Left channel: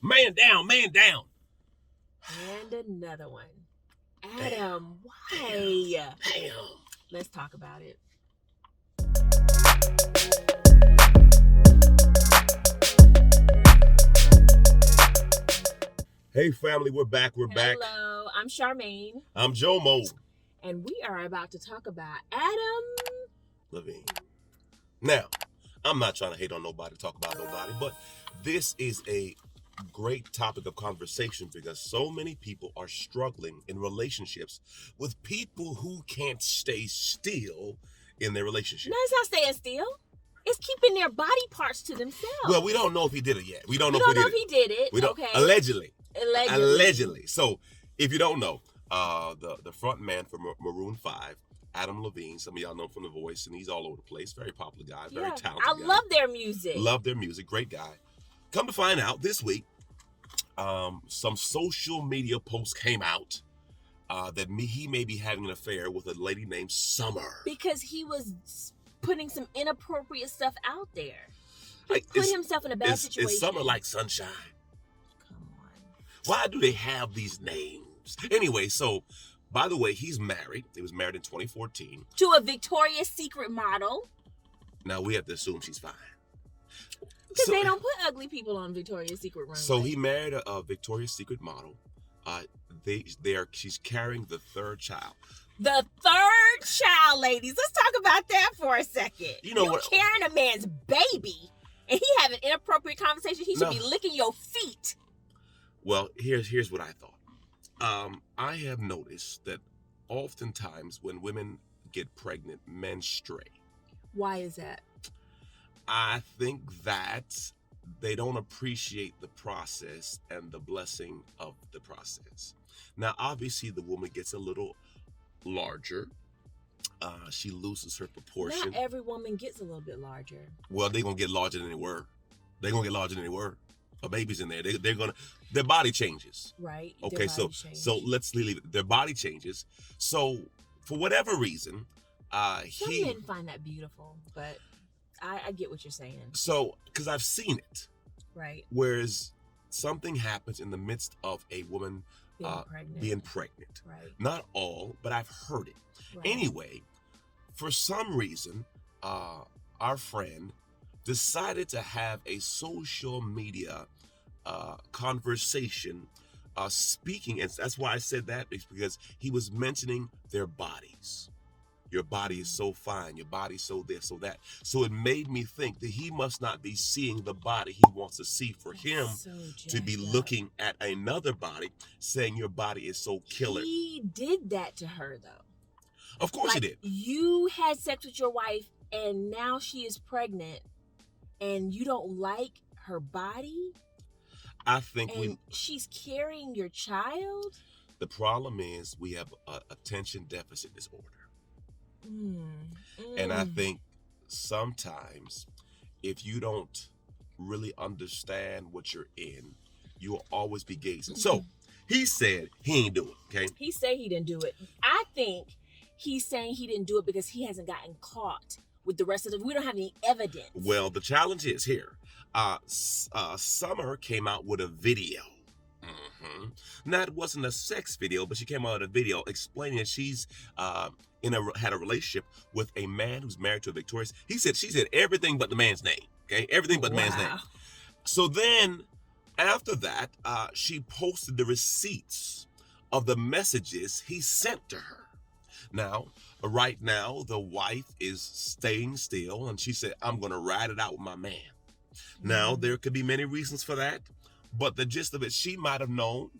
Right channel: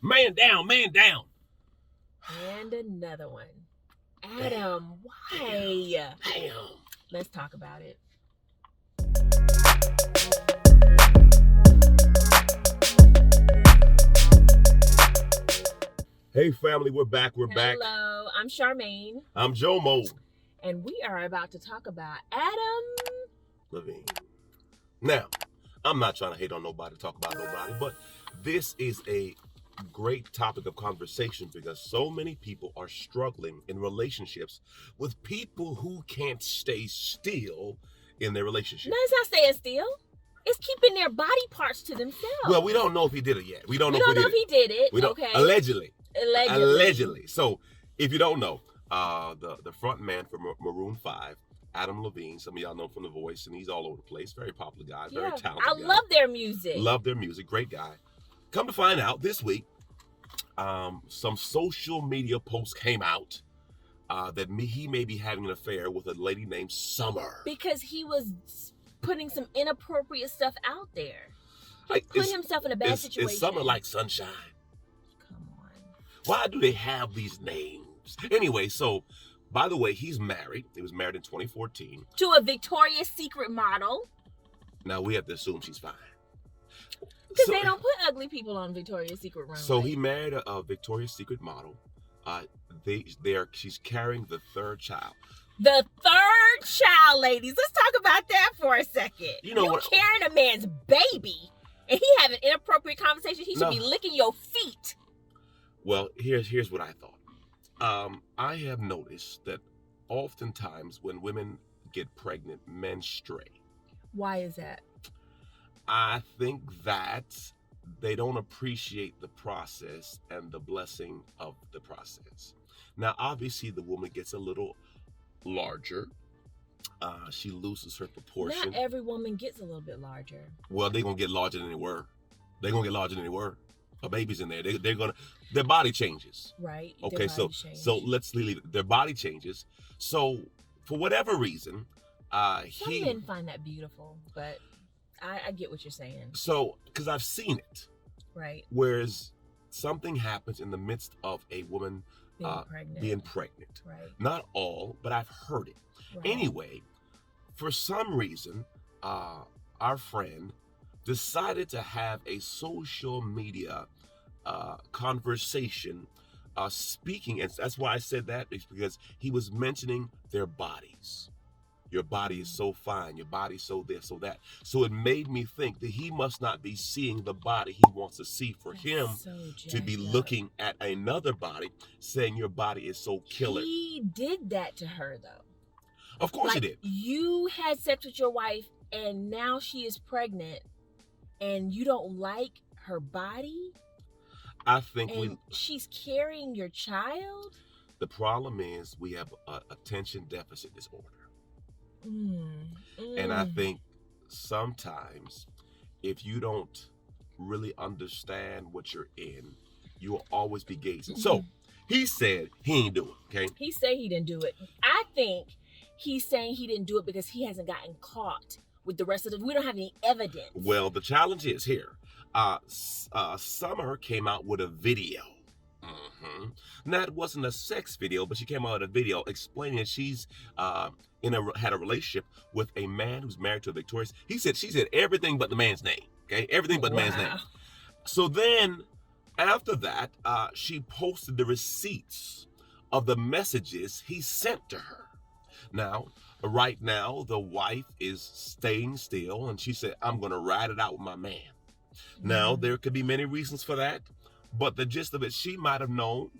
Man down, man down. And another one. Adam, why? Damn. Let's talk about it. Hey family, we're back. Hello, I'm Charmaine. I'm Jomo. And we are about to talk about Adam Levine. Now, I'm not trying to hate on nobody, talk about nobody, but this is a great topic of conversation because so many people are struggling in relationships with people who can't stay still in their relationship. No, it's not staying still. It's keeping their body parts to themselves. Well, we don't know if he did it yet. We don't know if he did it. We don't, okay. Allegedly. Allegedly. So, if you don't know, the front man for Maroon 5, Adam Levine, some of y'all know him from The Voice, and he's all over the place. Very popular guy, very talented guy. Love their music. Love their music, great guy. Come to find out, this week, some social media posts came out that he may be having an affair with a lady named Summer. Because he was putting some inappropriate stuff out there. He put himself in a bad situation. Is Summer like sunshine? Come on. Why do they have these names? Anyway, so, by the way, he's married. He was married in 2014. To a Victoria's Secret model. Now, we have to assume she's fine. Because they don't put ugly people on Victoria's Secret runway. So he married a Victoria's Secret model. She's carrying the third child. The third child, ladies. Let's talk about that for a second. You know what? Carrying a man's baby, and he having inappropriate conversation. He should be licking your feet. Well, here's what I thought. I have noticed that oftentimes when women get pregnant, men stray. Why is that? I think that they don't appreciate the process and the blessing of the process. Now, obviously, the woman gets a little larger. She loses her proportion. Not every woman gets a little bit larger. Well, they're going to get larger than they were. They're going to get larger than they were. A baby's in there. Their body changes. Right. Okay, so let's leave it. Their body changes. So, for whatever reason, some men find that beautiful, but I get what you're saying. So, because I've seen it. Right. Whereas something happens in the midst of a woman being pregnant. Right. Not all, but I've heard it. Right. Anyway, for some reason, our friend decided to have a social media conversation speaking, and that's why I said that, is because he was mentioning their bodies. Your body is so fine. Your body's so this, so that. So it made me think that he must not be seeing the body he wants to see for him to be looking at another body, saying your body is so killer. He did that to her, though. Of course he did. You had sex with your wife, and now she is pregnant, and you don't like her body? I think she's carrying your child? The problem is we have attention deficit disorder. And I think sometimes if you don't really understand what you're in, you will always be gazing. So he said he ain't do it, okay? He said he didn't do it. I think he's saying he didn't do it because he hasn't gotten caught with the rest of we don't have any evidence. Well, the challenge is here. Summer came out with a video. Now, it wasn't a sex video, but she came out with a video explaining that she's had a relationship with a man who's married to a Victoria's. She said everything but the man's name. Okay, everything but the man's name. So then, after that, she posted the receipts of the messages he sent to her. Now, right now, the wife is staying still, and she said, "I'm going to ride it out with my man." Now, there could be many reasons for that, but the gist of it, she might have known.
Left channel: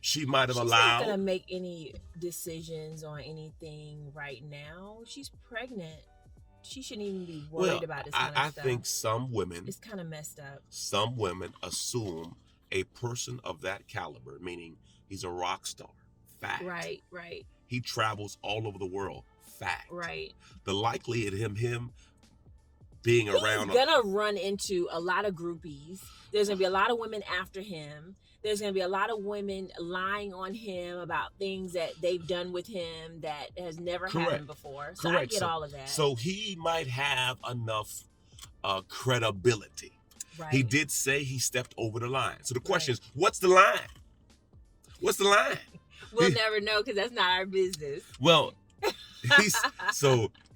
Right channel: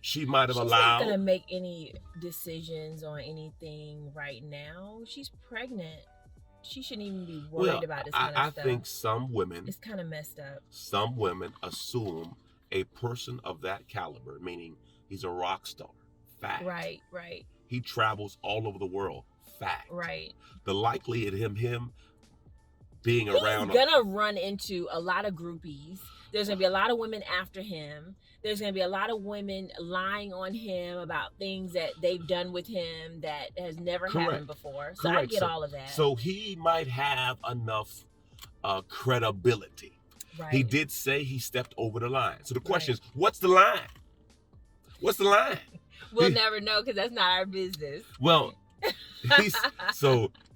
She might have allowed. She's not going to make any decisions on anything right now. She's pregnant. She shouldn't even be worried about this kind of stuff. I think some women... It's kind of messed up. Some women assume a person of that caliber, meaning he's a rock star, fact. Right. He travels all over the world, fact. Right. The likelihood of him being around... He's going to run into a lot of groupies. There's going to be a lot of women after him. There's going to be a lot of women lying on him about things that they've done with him that has never happened before. So I get all of that. So he might have enough credibility. Right. He did say he stepped over the line. So the question is, what's the line? What's the line? We'll never know because that's not our business. Well,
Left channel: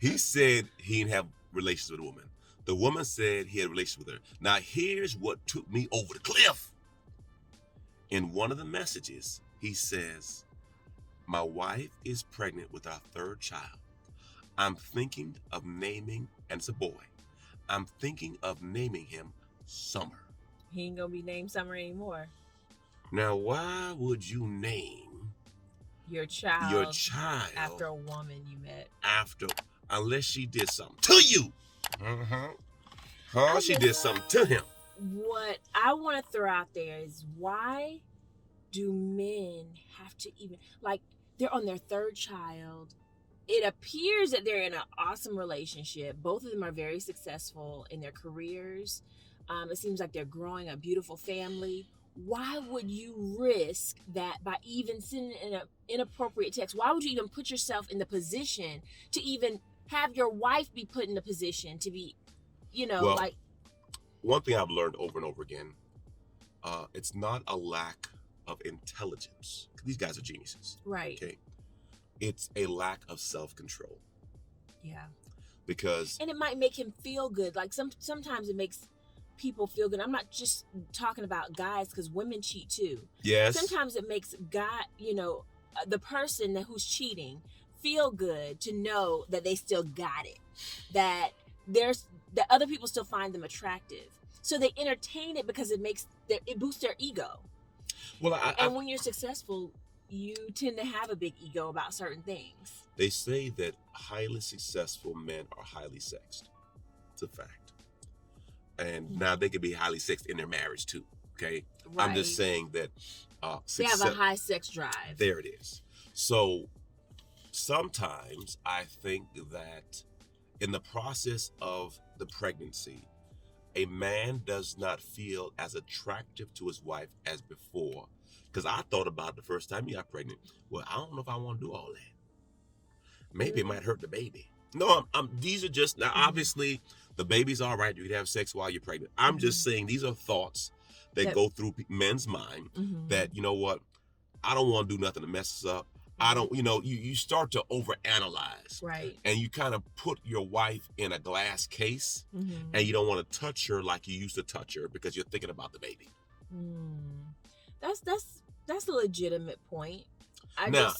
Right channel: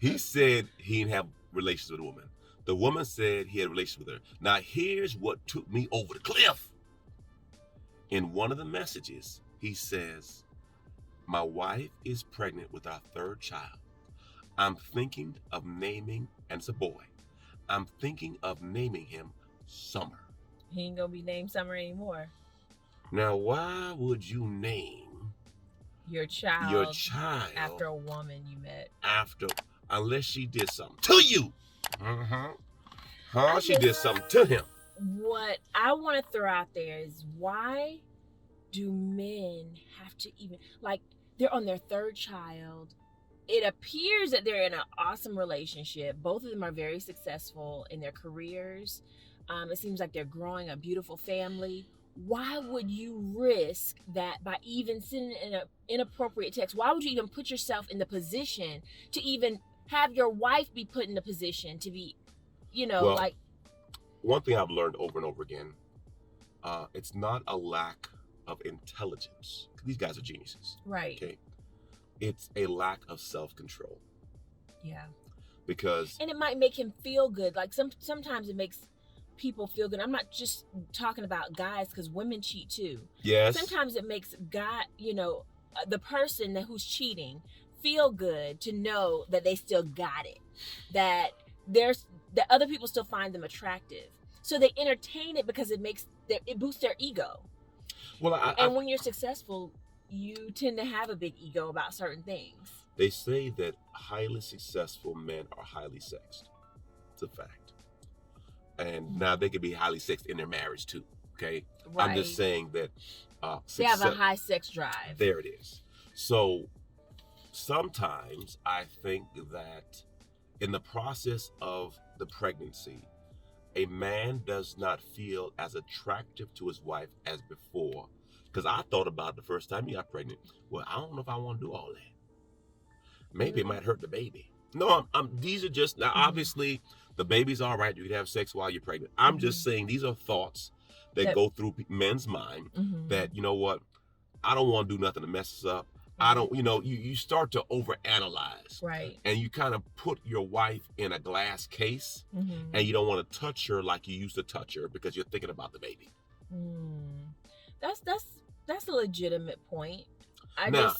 he said he didn't have relations with a woman. The woman said he had relations with her. Now, here's what took me over the cliff. In one of the messages, he says, my wife is pregnant with our third child. I'm thinking of naming, and it's a boy, I'm thinking of naming him Summer. He ain't gonna be named Summer anymore. Now, why would you name your child after a woman you met? Unless she did something to you. She did something to him. What I want to throw out there is, why do men have to even, like, they're on their third child. It appears that they're in an awesome relationship. Both of them are very successful in their careers. It seems like they're growing a beautiful family. Why would you risk that by even sending an inappropriate text? Why would you even put yourself in the position to even have your wife be put in the position to be, like... One thing I've learned over and over again, it's not a lack of intelligence. These guys are geniuses. Right. Okay. It's a lack of self-control. Yeah. And it might make him feel good. Like sometimes it makes people feel good. I'm not just talking about guys, because women cheat too. Yes. Sometimes it makes the person who's cheating feel good to know that they still got it. That other people still find them attractive. So they entertain it because it boosts their ego. Well, when you're successful, you tend to have a big ego about certain things. They say that highly successful men are highly sexed. It's a fact. And now they can be highly sexed in their marriage too. Okay. Right. I'm just saying that they have a high sex drive. There it is. So sometimes I think that in the process of the pregnancy, a man does not feel as attractive to his wife as before. Because I thought about it the first time he got pregnant. Well, I don't know if I want to do all that. Maybe it might hurt the baby. No, these are just, now obviously the baby's all right. You can have sex while you're pregnant. I'm just saying these are thoughts that go through men's mind that, you know what, I don't want to do nothing to mess this up. I don't, you start to overanalyze. Right. And you kind of put your wife in a glass case and you don't want to touch her like you used to touch her because you're thinking about the baby. That's a legitimate point.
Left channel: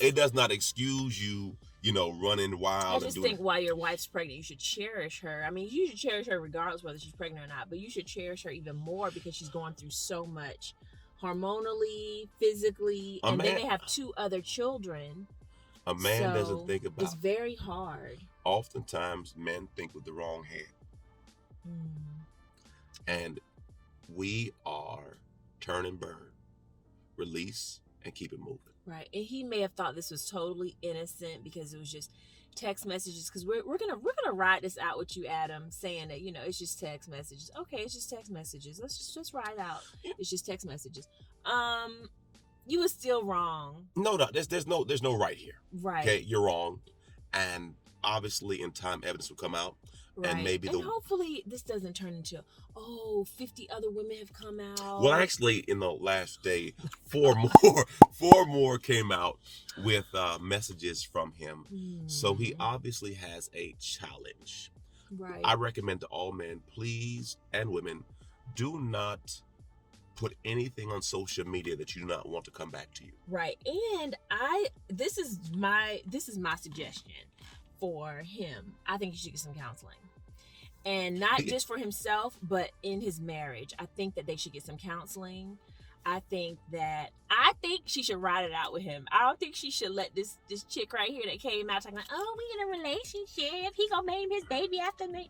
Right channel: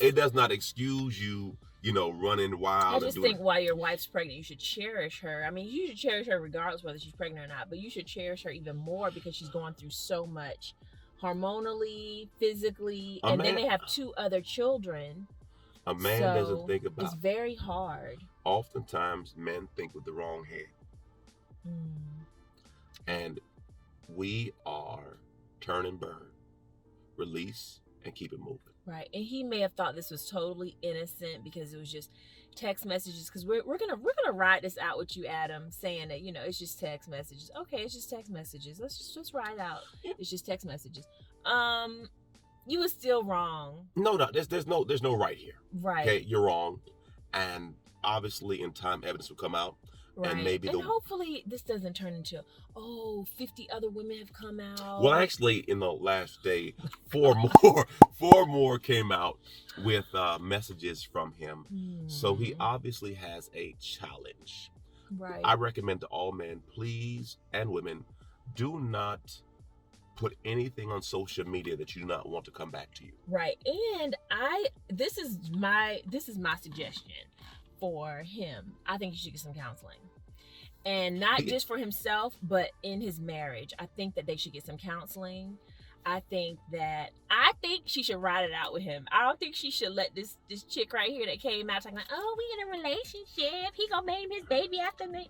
It does not excuse you, running wild. I just think while your wife's pregnant, you should cherish her. I mean, you should cherish her regardless whether she's pregnant or not, but you should cherish her even more because she's going through so much hormonally, physically, then they have 2 other children. A man doesn't think about. It's very hard. Oftentimes, men think with the wrong head. And we are turn and burn, release, and keep it moving. Right. And he may have thought this was totally innocent because it was just text messages. Because we're gonna ride this out with you, Adam, saying that it's just text messages. Okay, it's just text messages. Let's just ride out. It's just text messages. You were still wrong. No, there's no right here. Right. Okay, you're wrong, and obviously in time evidence will come out. Right. And hopefully this doesn't turn into 50 other women have come out. Well, actually, in the last day, 4 more came out with messages from him. So he obviously has a challenge. Right. I recommend to all men, please, and women, do not put anything on social media that you do not want to come back to you. Right. And this is my suggestion for him. I think he should get some counseling. And not just for himself, but in his marriage. I think that they should get some counseling. I think she should ride it out with him. I don't think she should let this chick right here that came out talking like, oh, we in a relationship. He gonna name his baby after me.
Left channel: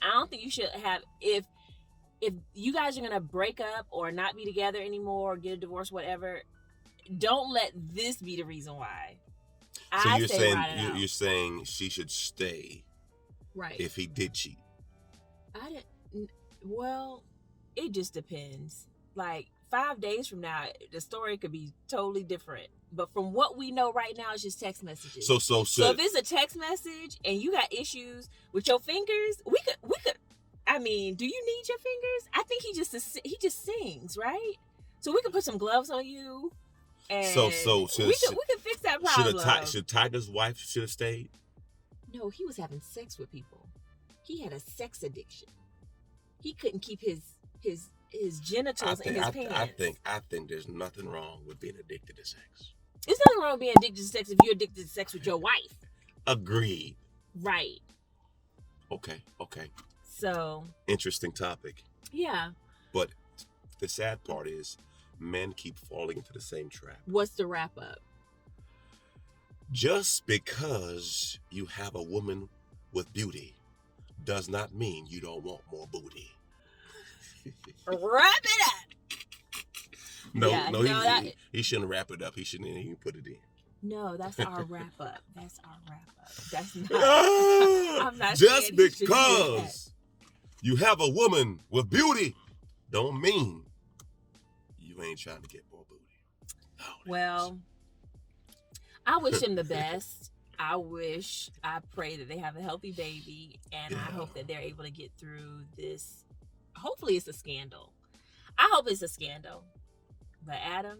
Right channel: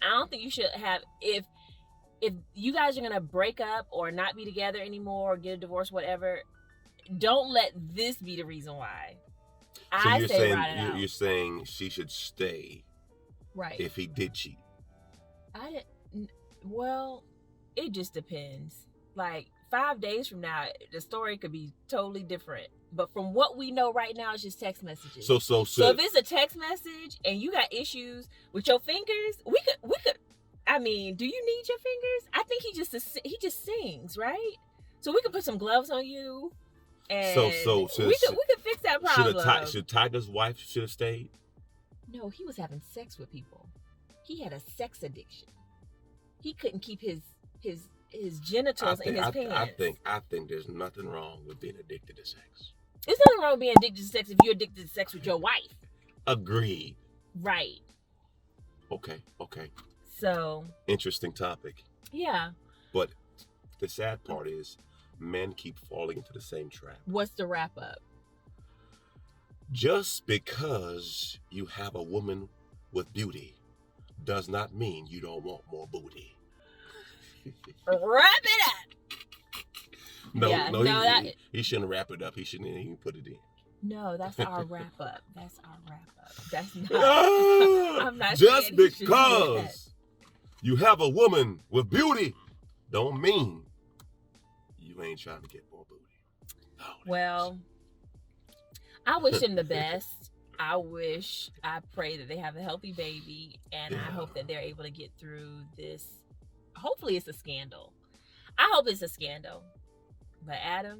I don't think you should have, if you guys are gonna break up or not be together anymore or get a divorce, whatever, don't let this be the reason why. So you're saying she should stay, right? If he did cheat. Well, it just depends. Like 5 days from now, the story could be totally different. But from what we know right now, it's just text messages. So if it's a text message and you got issues with your fingers, we could. I mean, do you need your fingers? I think he just sings, right? So we could put some gloves on you, and we could fix that problem. Should Tiger's wife should have stayed? No, he was having sex with people. He had a sex addiction. He couldn't keep his genitals in his pants. I think there's nothing wrong with being addicted to sex. There's nothing wrong with being addicted to sex if you're addicted to sex with your wife. Agreed. Right. Okay. So. Interesting topic. Yeah. But the sad part is men keep falling into the same trap. What's the wrap up? Just because you have a woman with beauty does not mean you don't want more booty. Wrap it up. He shouldn't wrap it up. He shouldn't even put it in. No, that's our wrap up. That's not. I'm not. Just because you have a woman with beauty, don't mean you ain't trying to get more booty. Oh, well, I wish him the best. I pray that they have a healthy baby, and I hope that they're able to get through this. Hopefully it's a scandal. I hope it's a scandal. But Adam,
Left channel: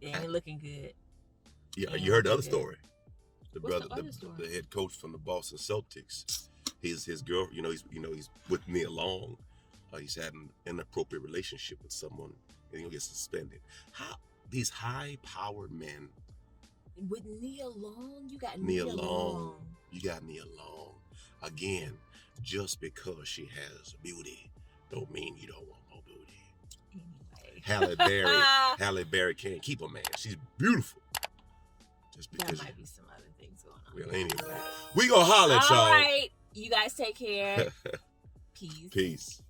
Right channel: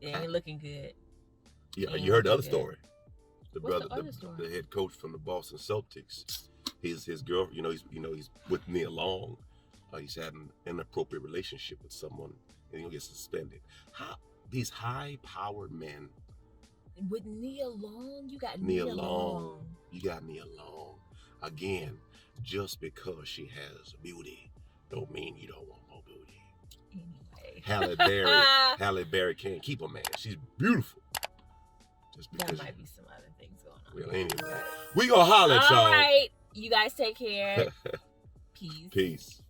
it ain't looking good. Yeah, you heard the other story. The head coach from the Boston Celtics. His girl, he's with Nia Long. He's having an inappropriate relationship with someone, and he'll get suspended. How these high-powered men. With Nia Long, you got Nia Long. You got Nia Long. Again, just because she has beauty, don't mean you don't want more beauty. Anyway. Halle Berry can't keep a man. She's beautiful. Just because there might be some other things going on. Well, anyway, we gonna holler at y'all. All right, you guys take care. Peace. Peace.